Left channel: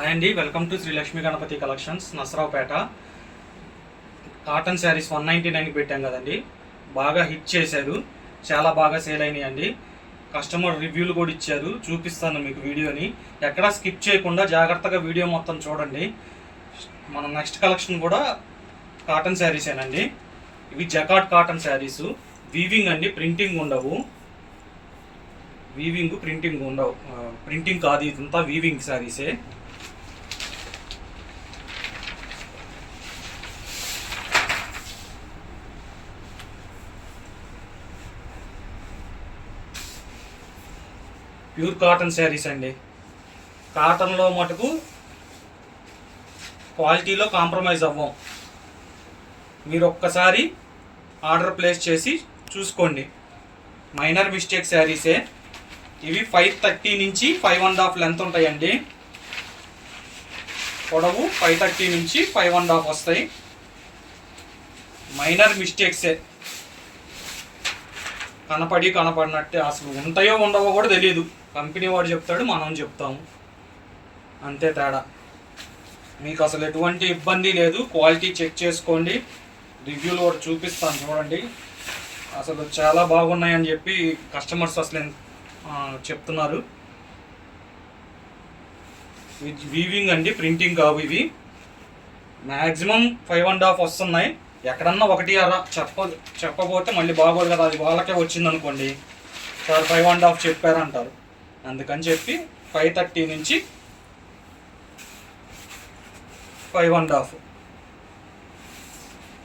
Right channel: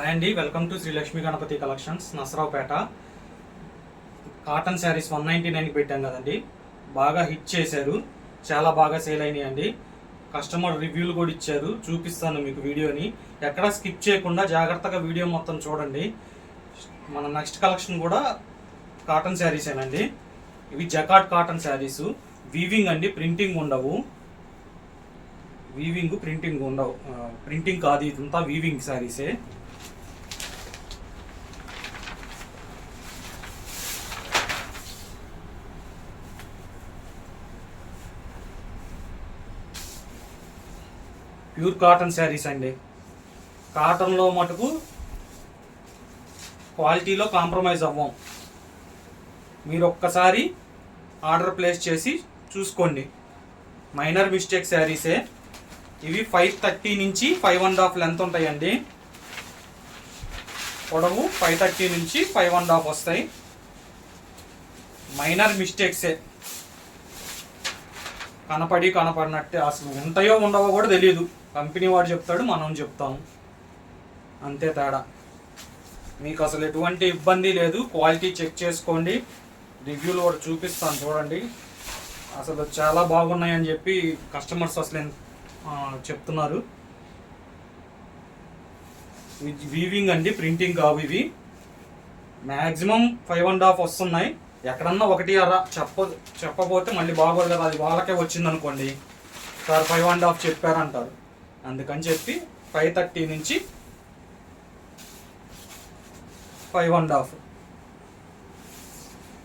Hi అండి, welcome to Shri Lakshmi Ganapati collections, Narasaraopet. Cotton saris 199కి పెట్టాం కదండి. బాగా హిట్ చేశారు, చాలా బాగా సేల్ అయినాయండి. కస్టమర్ రివ్యూలు కూడా ఇచ్చారు, చూపిస్తాను మీకు వీడియోని. ఎక్కడా స్కిప్ చేయకుండా జాగ్రత్తగా వీడియో మొత్తం చూడండి. మన నెక్స్ట్ కలెక్షన్ కూడా కాటన్ శారీసేనండి. ఇవి జకాట్ కాటన్ శారీస్. వీవింగ్ అండి, ప్రింటింగ్ ఉండవు. ప్రింటింగ్ ఉండవు, ప్రింటింగ్ కాదు, ఇదంతా వీవింగ్ శారీసే. ప్యూర్ కాటన్ శారీస్ అండి. కాటన్లో మటుకు క్వాలిటీలో కాంప్రమైజ్ అవ్వం. మీరు ఒక్కసారి ఆర్డర్ ప్లేస్ చేసి చూసుకోండి. మైనర్ మిస్టేక్ శారీసే ఇవి. 530 నుంచి 5.5 లెంత్ ఉంటాయండి. పొడవు 530 నుంచి 5.5 వస్తాయి. మైనర్ మిస్టేక్సే, కనపడినట్టే. అసలు ఉంటాయో ఉండవో కూడా తెలియదు. కంపెనీ వాడు చెప్తాడు, మనం చెప్తాము, అంతే తేడా. మీకు అసలు ఎటువంటి ఇబ్బంది లేదు. క్వాలిటీ చెక్ చేసుకోండి. రివ్యూలు కూడా చూపిస్తాను చూడండి. అసలు చాలా బాగున్నాయని చెప్పి కస్టమర్స్ అసలు చెప్తున్నారు. వీవింగ్ అండి, ప్రింటింగ్ కావు ఇవి. మ్యాక్సిమం 5.5 వస్తున్నాయి. ఎక్కడన్నా 1.5 చెప్పబోతే మళ్ళీ బాగోదు కదా, అది వాళ్ళకే వచ్చింది అనుకోండి. సార్ 5.5 చెప్పారంటారు. అందుకని చెప్పి 530 నుంచి 5.5.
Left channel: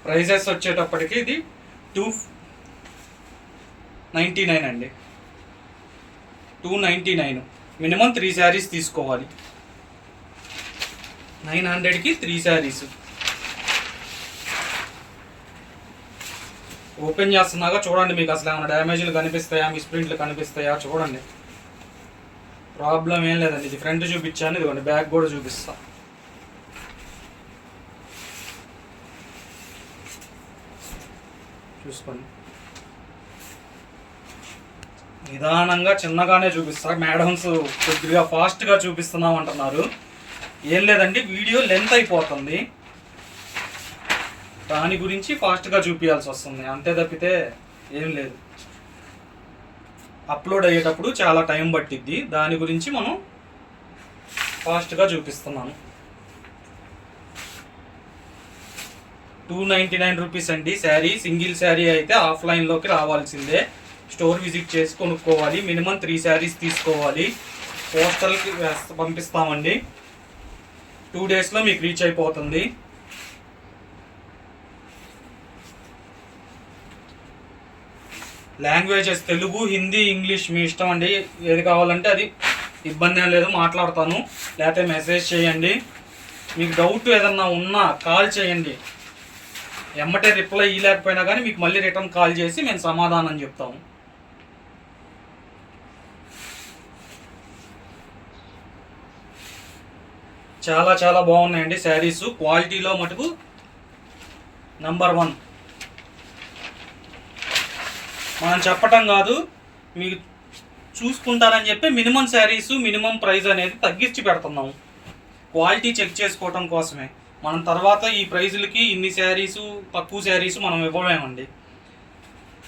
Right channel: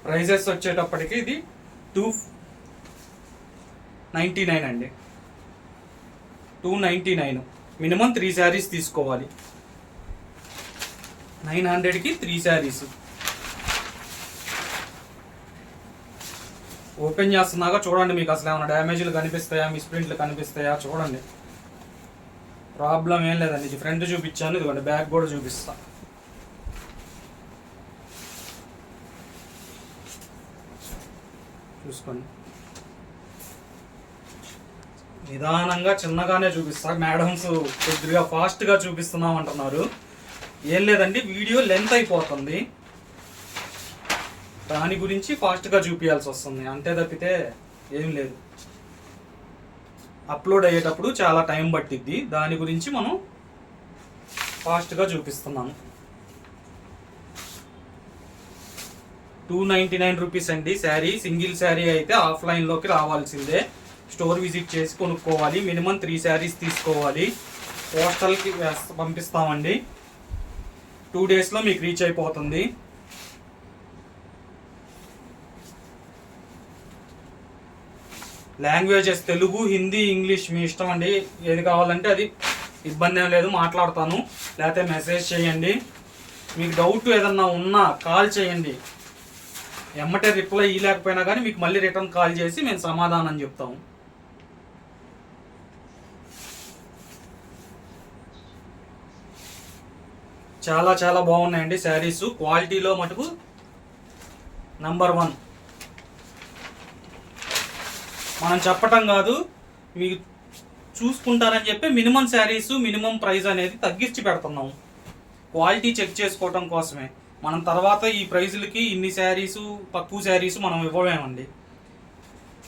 ప్రైజెస్ వచ్చేటప్పటికి ఇది 299 అండి. 299. మినిమం 3 శారీస్ తీసుకోవాలి. 900కి 3 శారీస్. ఓపెన్ చేస్తున్నాగా చూడండి, మీకు అసలు ఏమైనా డ్యామేజ్లు కనిపిస్తాయా, మిస్ప్రింట్లు కనిపిస్తాయా చూడండి. ప్రాబ్లం ఏం లేదండి. ఇది ఫ్రంట్ చూపించాను, ఇదిగోండి బ్యాక్ కూడా చూపిస్తా. చూసుకోండి, నిదానంగా చిన్నగానే చూపిస్తా. మేడమ్స్ కొద్దిగా ఫాస్ట్గా చూపిస్తున్నాం అంటున్నారు. ఏం లేదండి, వీడియో లెంత్ అయిపోతుంది, దాని గురించి ఫాస్ట్గా చూపించాల్సి వస్తుంది, అంతే తప్పితే ఏం లేదు. అప్లోడ్ అయ్యేటప్పుడు చాలా టైం పట్టిద్ది, దాని గురించి మనం ఫాస్ట్గా చూపిస్తున్నాము. 299 రూపీస్ అండి శారీ. సింగిల్ శారీ అయితే ఆఫ్లైన్లోకి రావాల్సిందే, స్టోర్ విజిట్ చేసి కొనుక్కోవాలి. మినిమం 3 శారీస్ తీసుకోవాలి. పోస్టల్కి పంపిస్తామండి. 2 డేస్లో మీకు రీచ్ అయిపోతుంది. లాంగ్వేజెస్ తెలుగు, హిందీ, ఇంగ్లీష్ మీ ఇష్టం అండి. ఏది కావాలంటే అది, ఇబ్బంది ఏం లేదు, మాట్లాడతాను. లేకపోతే మెసేజ్ చేయండి. మీకు డౌట్ ఏదన్నా ఉన్నా కాల్ చేయండి. ఎమ్మటే రిప్లై ఇవ్వలేకపోయినా కానీ మీకు మళ్ళీ రిటర్న్ కాల్ చేసి మేము సమాధానం చెప్తాము. చాలా చాలా బాగున్నాయండి శారీస్. క్వాలిటీలో మటుకు నంబర్ 1. మనం చెప్పటం కాదు, మీకు చూసుకుంటారని చెప్పి మినిమం శారీస్, మినిమం ప్రైస్ అనేది తగ్గించి పెడుతున్నాము. క్వాలిటీ చెక్ చేసుకోవటం కోసమే. మనం తర్వాత ఈ ప్రైజులకి ఇన్ని శారీసు, తక్కువ శారీసు మనం ఇవ్వలేమండి.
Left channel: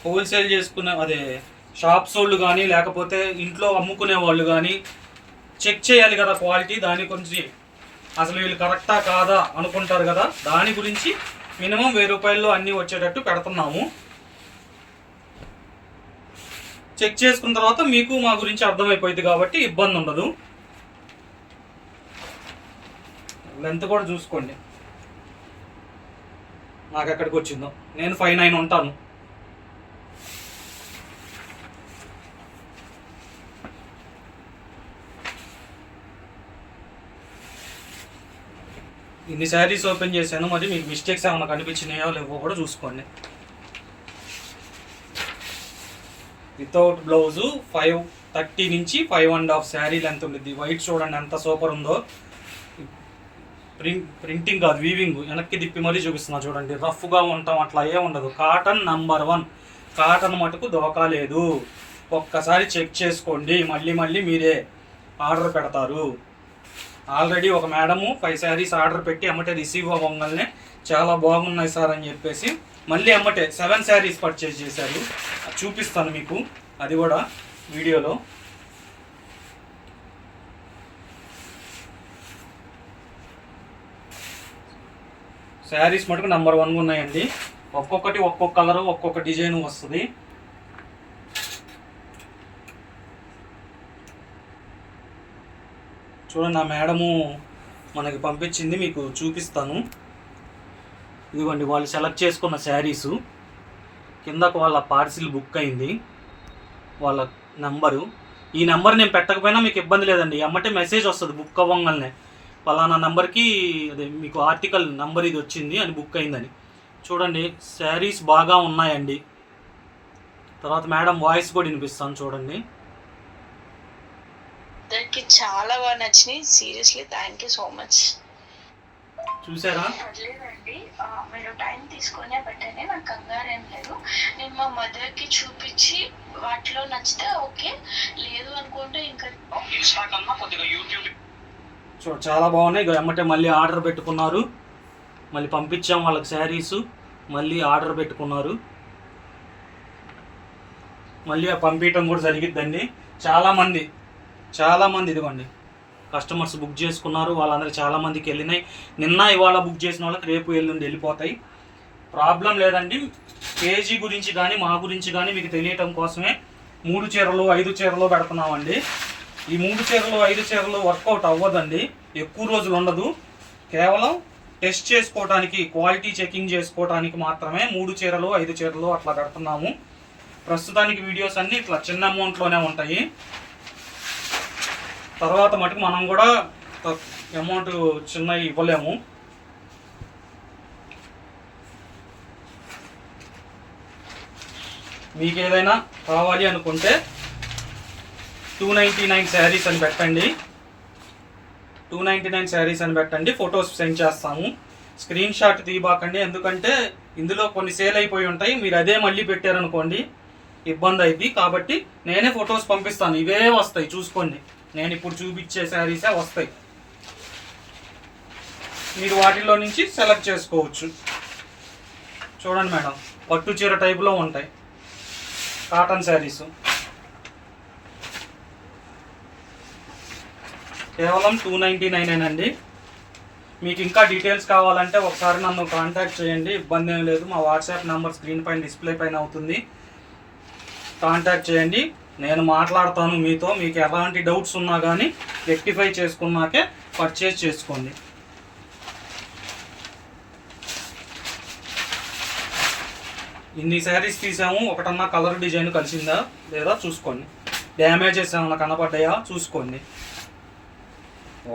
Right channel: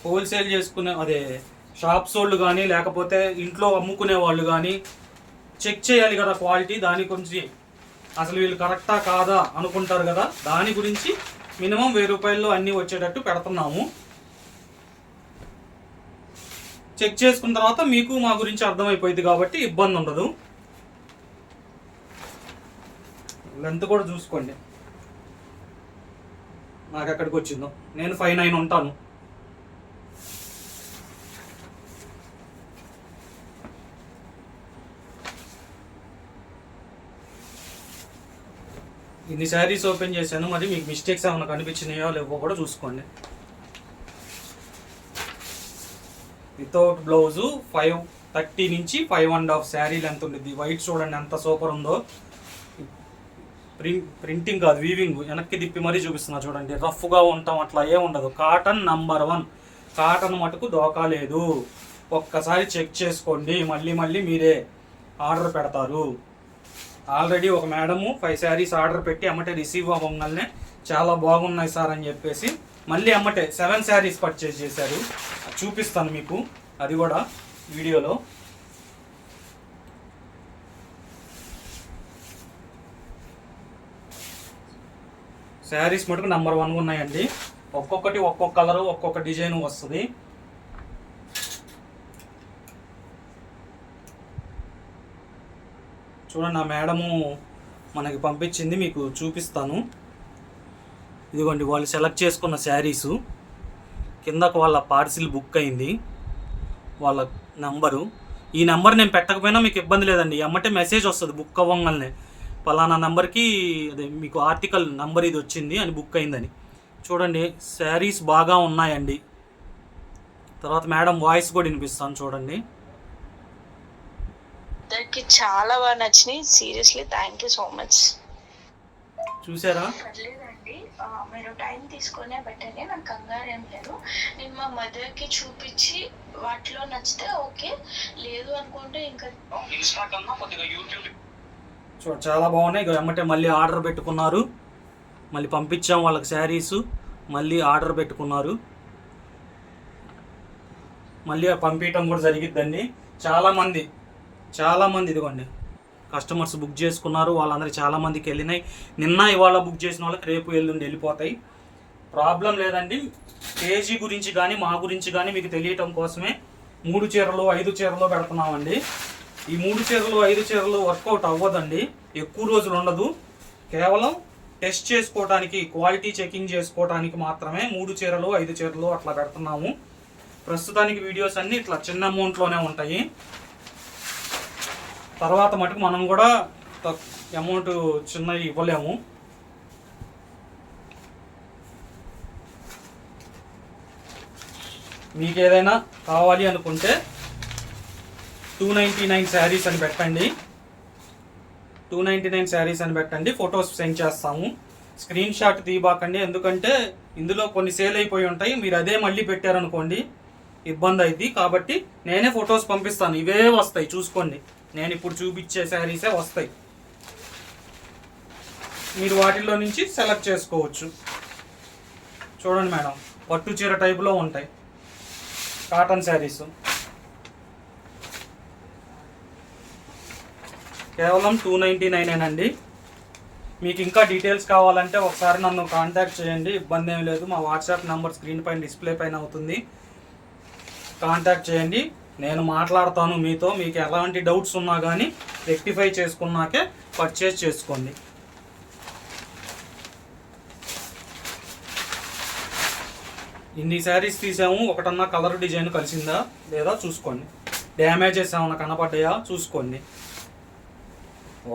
హోల్సేల్ చేసుకునే షాప్స్ వాళ్ళు కానీ లేకపోతే ఇంట్లో అమ్ముకునే వాళ్ళు కానీ చెక్ చేయాలి కదా క్వాలిటీ. దాని గురించి అసలు వీళ్ళు కరెక్టా కాదా అనుకుంటారు కదా, దాని గురించి మినిమం 1000 రూపాయల్లో అన్నీ వచ్చేటట్టు పెడుతున్నాము. చెక్ చేసుకున్న తర్వాత మీకు మా గురించి అర్థమైపోయింది కాబట్టి ఇబ్బంది ఉండదు. లెంత్ కూడా చూసుకోండి నాకు ఎక్కడికి వచ్చిందో. నేను 5'9" ఉంటాను. ఇన్ని శారీస్ ఓపెన్ చేశాను, మరి మీకు మిస్టేక్స్ ఏమైనా కనిపించినాయో లేవో కూడా చూసుకోండి. వితౌట్ బ్లౌజు 530 నుంచి 5.5 శారీ లెంత్ ఉంటుంది. వైట్ చూడండి ఎంత సూపర్ ఉందో. ప్రింటింగ్ కాదు, వీవింగ్. వెనక్కి తిప్పి మరీ చూపిస్తున్నా చూడండి. రఫ్గా ఉంటాం అట్లా ఏ ఉండదు. Cotton number 1. కాటన్ మటుకు దోకా లేదు. ఒక్కసారి చెక్ చేసుకోండి, మళ్ళీ మళ్ళీ మీరే ఆర్డర్ పెడతారు. ఆల్రెడీ ఒక మేడము 5 శారీస్ ఆర్డర్ పెట్టి అమ్మటే రిసీవ్ అవ్వగానే చాలా బాగున్నాయి సార్ అని చెప్పేసి మళ్ళీ అమ్మటే 7 శారీస్ పర్చేజ్ చేశారు. చూపిస్తాను మీకు అది కూడా వీడియోలో. శారీస్ మటుకు నెంబర్ 1 ఉన్నాయండి. ఒక్కొక్కటి ఒక్కొక్క కలరు ఒక్కొక్క డిజైన్ వస్తుంది. చూడండి, ఆ మేడము మనకి పంపించింది, మీకు చూపిస్తాను. ఇదిగోండి వాళ్ళు సెలెక్ట్ చేసుకున్న శారీసు. కిందకు వాళ్ళ పార్సిల్ బుక్ అయింది, వాళ్ళ నంబరు. ఈ నెంబర్ నేను పెట్టకపోయినా మీకు ఇబ్బంది లేదండి, అమ్మటే మెసేజ్ వస్తుంది బుక్ అవ్వగానే. పలానా నెంబర్కి అదే మీకు ఆర్టికల్ నెంబర్ ఇది వచ్చింది అని బుక్ అయిందని. చూడండి శారీస్ బాగా ఉన్నాయండి. తర్వాత మేడం వాయిస్ కూడా వినిపిస్తాను చూడండి. అందరికి చాలా బాగా నచ్చినాయి. Seriously thank you so much. చూసారా? పర్లేదండి, మీరు టైం తీసుకునే బెటరే, నాకు కంగారు ఏం లేదు. నేను మా మదర్కి చూపించి వాటిలో నచ్చితే ఓకే, లేదు అనుకుంటే ఇంకా ఇన్స్టా కన్నా కొద్దిగా యూట్యూబ్. చాలా బాగున్నాయి. ఇక ఎమ్మటే మళ్ళీ ఆర్డర్ పెట్టుకున్నారు, మళ్ళీ పంపించాం వాళ్ళకి శారీసు, మళ్ళీ ఆర్డర్ పెట్టుకున్నారు, మళ్ళీ పంపించడం కూడా జరిగిద్దండి. చాలామంది ఇదిగోండి కస్టమర్స్ బుక్ చేసుకున్నారు. వాళ్ళందరూ చాలామందికి వెళ్ళినాయి. నిన్న ఇవాళ బుక్ చేసిన వాళ్ళకి రేపు ఎల్లుండి వెళ్ళిపోతాయి. ప్రాబ్లం లేదండి. పేజీ గురించి కానీ మా గురించి కానీ మీకు తెలియటం కోసమే 3 చీరలు 5 చీరలు పెడుతున్నామండి. ఈ 3 చీరలు 5 చీరలు వర్కౌట్ అవ్వదండి, ఎక్కువ రోజులు ఉండదు. కేవలం టెస్ట్ చేసుకోవడానికి, క్వాలిటీ చెకింగ్ చేసుకోవడానికి మాత్రమే 3 చీరలు 5 చీరలు అట్లా పెడుతున్నాము. ప్రస్తుతానికి వీడియోస్ అన్నీ ఇట్లా చిన్న అమౌంట్లోనే ఉంటాయి. తర్వాత మటుకు మనం కూడా అమౌంట్ చిన్నవి ఇవ్వలేము. మీకు ఏదైనా కావాలి అనుకుంటే 299 శారీస్ అని పెట్టండి. 299 శారీస్ అని పెట్టండి, ఫొటోస్ సెండ్ చేస్తాము. స్క్రీన్ షాట్ తీయబాకండి, ఎందుకంటే ఇందులో కొన్ని సేల్ అయిపోయి ఉంటాయి. మీరు అదే మళ్ళీ పెట్టారనుకోండి ఇబ్బంది అయింది. కాబట్టి నేనే ఫొటోస్ పంపిస్తాను, ఇవే వస్తాయి చూసుకోండి. నేను ఇప్పుడు చూపించే శారీసే వస్తాయి, మీరు వాటిల్లో నుంచి సెలెక్ట్ చేసుకోవచ్చు. చూడండి మేడం, పట్టు చీర టైప్లో ఉంటాయి కాటన్ శారీస్. కేవలం 299 అండి. మీకు ఇంకా డీటెయిల్స్ కావాలంటే ఒకసారి నన్ను కాంటాక్ట్ చేయండి, ఇబ్బంది ఏం లేదు. మా వాట్సాప్ నెంబర్ స్క్రీన్ పైన డిస్ప్లే పైన అవుతుంది, కాంటాక్ట్ చేయండి. నేను మాట్లాడతాను మీతో. మీకు ఎలాంటి డౌట్స్ ఉన్నా కానీ రెక్టిఫై చేసుకున్నాకే పర్చేజ్ చేసుకోండి. ఇన్ని శారీస్ తీసాము, ఒకటన్నా కలర్ డిజైన్ కలిసిందా లేదా చూసుకోండి. డ్యామేజెస్ ఏమన్నా కనపడ్డాయా చూసుకోండి.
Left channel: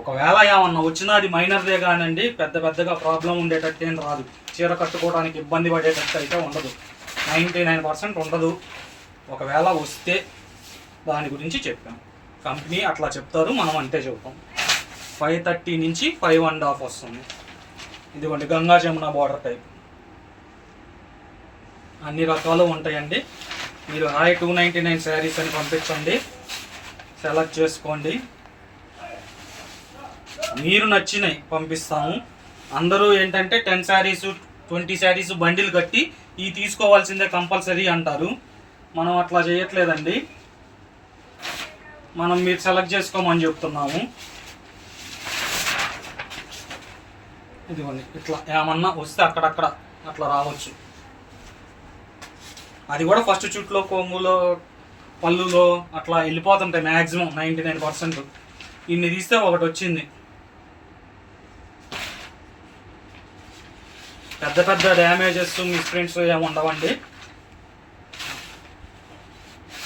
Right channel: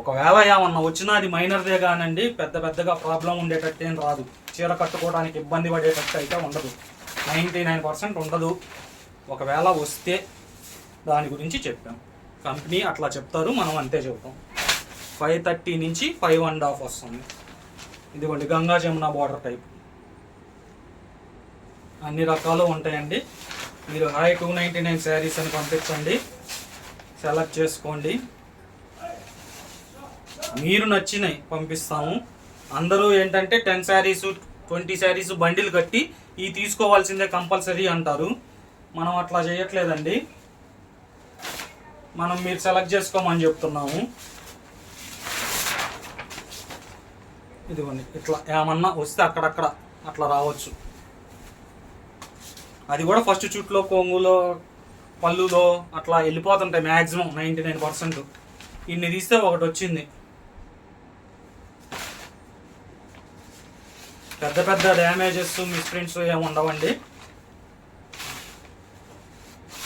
ఒకవేళ ఏమన్నా వచ్చినా అది మైనర్దే కానండి, పెద్దగా ప్రాబ్లం ఉండేటట్టు ఏం రాదు. చీర కట్టుకోవడానికి ఇబ్బంది పడేటట్టు అయితే ఉండదు, 99% ఉండదు. ఒకవేళ వస్తే దాని గురించి చెప్పాం, కంపెనీ అట్లా చెప్తారు, మనం అంతే చెప్తాం. 530 నుంచి 5.5 వస్తుంది. ఇదిగోండి గంగా జమున బార్డర్ టైప్, అన్ని రకాలు ఉంటాయండి. మీరు 299 శారీస్ అని పంపించండి, సెలెక్ట్ చేసుకోండి. మీరు నచ్చినవి పంపిస్తాము. అందరూ ఏంటంటే 10 శారీసు 20 శారీసు బండిల్ కట్టి ఈ తీసుకోవాల్సిందే కంపల్సరీ అంటారు. మనం అట్లా చేయట్లేదండి, మనం మీరు సెలెక్ట్ చేసుకోమని చెప్తున్నాము. ఇదిగోండి ఇట్లా ఏమన్నా వస్తే అక్కడక్కడ అట్లా రావచ్చు. అది కూడా ఫస్ట్ చుట్లో కొంగులో పళ్ళులో అట్లా వెళ్ళిపోతుంటాయి మ్యాక్సిమం 99%. ఇన్ని తీస్తే ఒకటి వచ్చింది. పెద్ద డ్యామేజెస్ మిస్ప్రింట్స్ ఏమి ఉండవండి.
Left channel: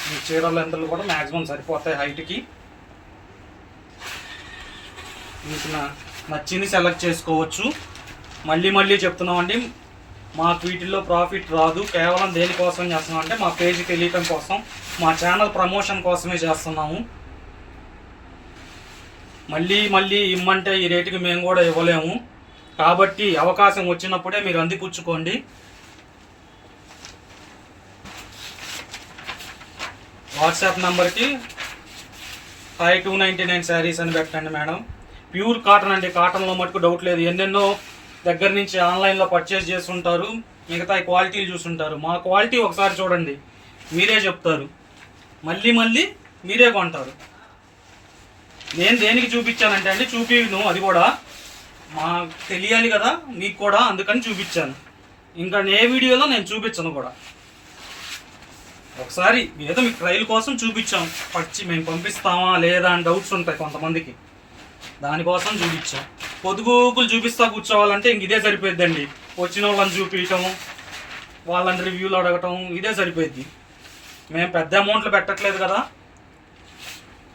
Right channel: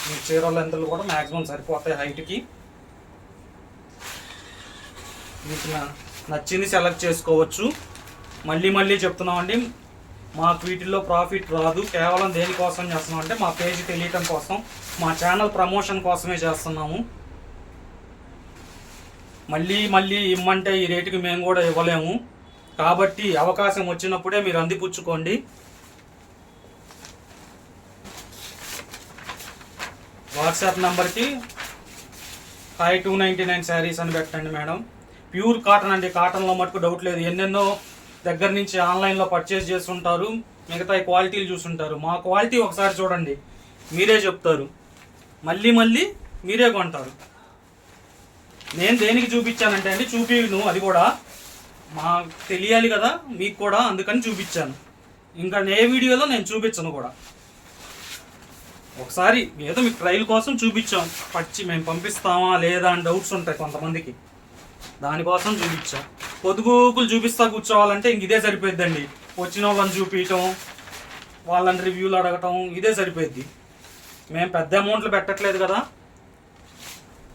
మీ చీరల లెంతలు కూడా మ్యాక్సిమం సరిపోతాయి హైట్కి. మీకు నచ్చింది సెలెక్ట్ చేసుకోవచ్చు. మళ్ళీ చెప్తున్నామండి, మాకు వీటిల్లో ప్రాఫిట్ రాదు. కేవలం దేనికోసం చేస్తున్నాం అంటే మా పేజ్ తెలియటం కోసం, మా ఛానల్ ప్రమోషన్ కోసమే చేస్తున్నాము. మళ్ళీ ఇమ్మంటే ఈ రేటుకి మేము కూడా ఇవ్వలేము. కాబట్టి అవకాశం వచ్చినప్పుడే మీరు అందిపుచ్చుకోండి. వాట్సాప్ నెంబర్కి 299 శారీస్ అని పెట్టండి మేడం. ప్యూర్ కాటన్ అండి. కాటన్లో మటుకు డౌట్ లేదు. ఎన్నెన్నో దగ్గర నుంచి ఆన్లైన్లో పర్చేస్ చేస్తుంటారు, మిగతా క్వాలిటీలు చూస్తుంటారు. మా క్వాలిటీ ఒకసారి చూడండి, మీరే చెప్తారు, మళ్ళీ మళ్ళీ మీరే కొంటారు. నేను దేనికి చూపించానంటే అండి, చూపిను అది కూడా మాకు తెలియాలి కదా మీకు కూడా, అందుకని చూపించాను. ఇంకా ఏ వీడియోలో నేను చూపించను కూడా. ఒకసారి ఏదో మీకు ట్రయల్ కోసం చూపించాం, మేము పంపిస్తామా లేదా అని డౌట్స్ ఉంటాయి కొంతమందికి, దానికోసం చూపించాం. పొదుగుకులు చూపిస్తా కూర్చోవాలంటే ఇంక ఇదే సరిపోద్దండి. వచ్చిన వాళ్ళని చూపించటం, వాళ్ళని రివ్యూలు అడగటం, ఇదే సరిపోద్ది. మేము పెద్ద అమౌంట్లు పెట్టట్లేదు కదా.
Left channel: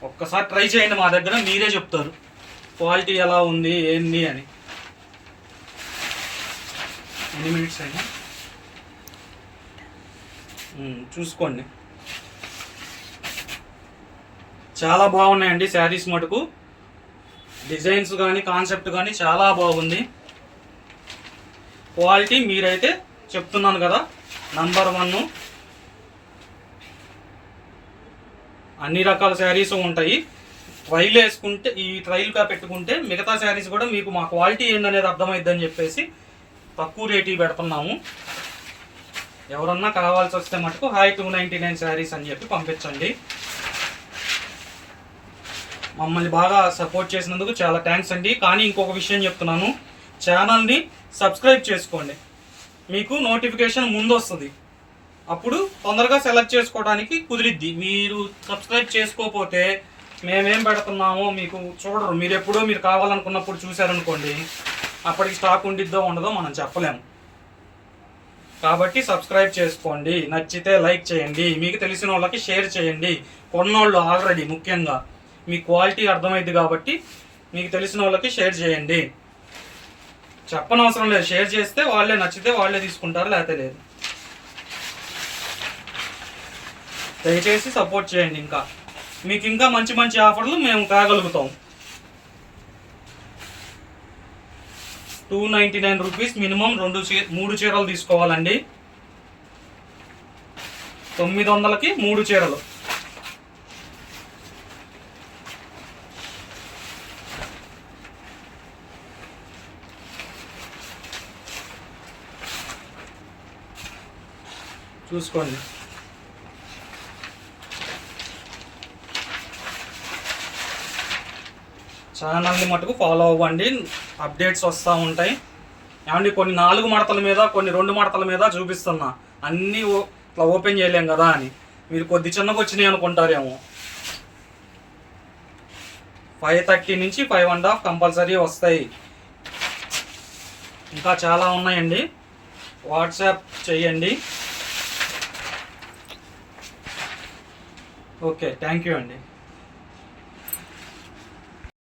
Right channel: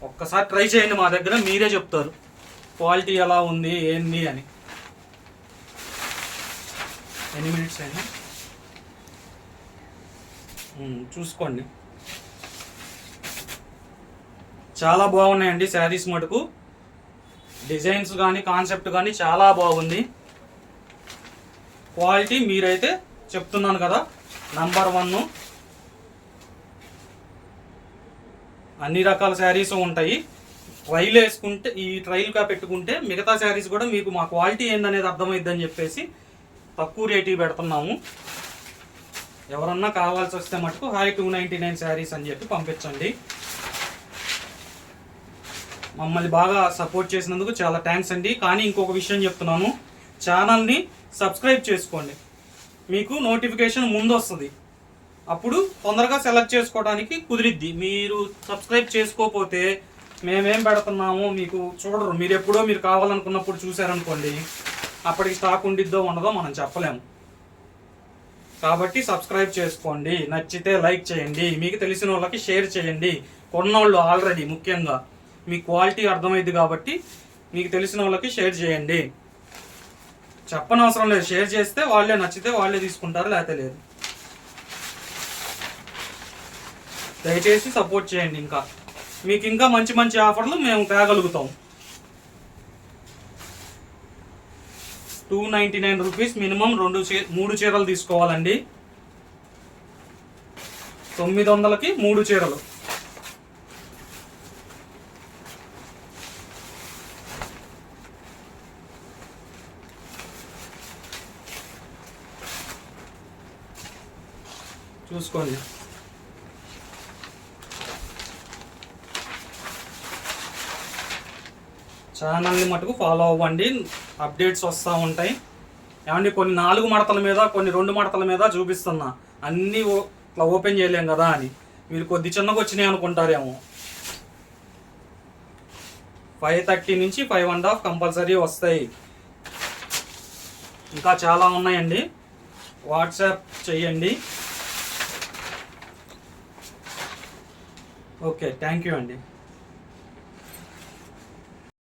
ఒక్కసారి ట్రై చేయండి, మా దగ్గర మీరే చెప్తారు క్వాలిటీ ఎలా ఉంది ఏంది అని. ఎన్ని మినిట్స్ అయినా చూసుకోండి. చాలా బాగున్నాయండి శారీస్ మటుకు. డిజైన్స్ కానీ కాన్సెప్ట్ కానీ చాలా బాగుంది. క్వాలిటీ మీరైతే చెప్తున్నాను కదా నంబర్ 1. అన్ని రకాల శారీస్ ఉంటాయి. ట్రైల్ వేసుకుంటే, ఈ ట్రైల్గా పెట్టుకుంటే మిగతా శారీస్ కూడా మీకు మా క్వాలిటీ ఏందనేది అర్థమైద్దని చెప్పేసి తక్కువ రేటు పెడుతున్నాము. ఎవరన్నా కావాల్సి వస్తే మటుకు హాయ్ 299 శారీస్ అని చెప్పి పంపించండి. మమ్మల్ని బాగా సపోర్ట్ చేసినందుకు చాలా థ్యాంక్స్ అండి. కానీ ఇంకొక విషయం చెప్తున్నాను, ఛానల్ని సబ్స్క్రైబ్ చేసుకోండి. మీకు నోటిఫికేషన్ ముందు వస్తుంది, అప్పుడు తొందరగా సెలెక్ట్ చేసుకోవడానికి కుదిరిద్ది. మీరు సబ్స్క్రైబ్ చేసుకోకపోతే మేమేం పెడుతున్నామో మీకు చూడరు. మీరు ఎప్పుడో మీరు కావాలనుకున్నప్పుడు చూసారనుకోండి, అప్పటికి స్టాక్ ఉండిద్దో ఉండదో మనం చెప్పలేము. కాబట్టి సబ్స్క్రైబ్ చేసుకోండి. నచ్చితే లైక్ చేయండి, మీకు తెలిసిన వాళ్ళకి షేర్ చేయండి. కొన్నోళ్ళు ఆల్రెడీ ముఖ్యంగా మీ క్వాలిటీ అర్థమైంది కాబట్టి మీకు తెలిసిన వాళ్ళకి షేర్ చేయండి. చెప్పనవసరం లేదు, షేర్ చేస్తే వాళ్ళే నచ్చితే వాళ్ళే తీసుకుంటారు, లేకపోతే లేదు. దయచేసి సపోర్ట్ చేయండి. ఇంకా మీకు ఇంకా మంచి మంచి ఆఫర్లు మేము తేగలుగుతాం. 299 రూపీస్ మినిమం 3 చీరలు తీసుకోవాలండి. 900కి 3 చీరలు. చూసుకోండి. ఛానల్ని మటుకు ఫాలో అవ్వండి, అప్డేట్స్ వస్తూ ఉంటాయి. ఏమండి కొన్ని 4 మడతల మీద, కొన్ని 2 మడతల మీద చూపిస్తున్నా, అన్నీ ఇట్లా ఓపెన్ చేయలేం కదా అని మీరు కొద్ది చిన్నగా వచ్చినాయి అనుకుంటారేమో. 530 నుంచి 5.5 కంపల్సరీ వస్తాయి. ఇంకా చాలా ఉన్నాయండి, వాట్సాప్ చేయండి. ఓకే, థ్యాంక్ యూ అండి.